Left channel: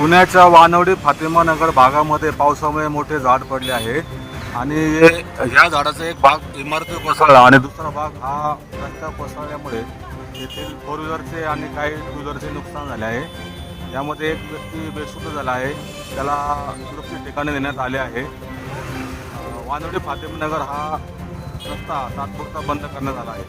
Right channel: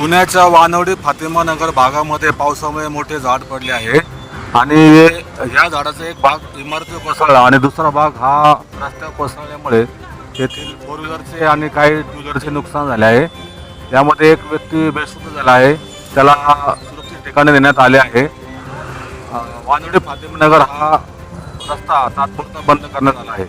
पुण्याच्या वानवडी फातिमा नगर भागामध्ये पावसामुळे मोठे झाड पडले आहे आणि या झाडाचा एक भाग इमारतीवर कोसळला आणि दुसरा भाग हा रस्त्यावर कोसळल्यामुळे येथील 4 व्हीलरचे आणि काही 2 व्हीलरचे नुकसान झाले आहे। यामध्ये एक व्यक्ती बेशुद्ध झाला आहे, त्याला सुरक्षित ठिकाणी नेण्यात आले आहे। वानवडी फातिमा नगर हा रस्ता तात्पुरता बंद करण्यात आला आहे।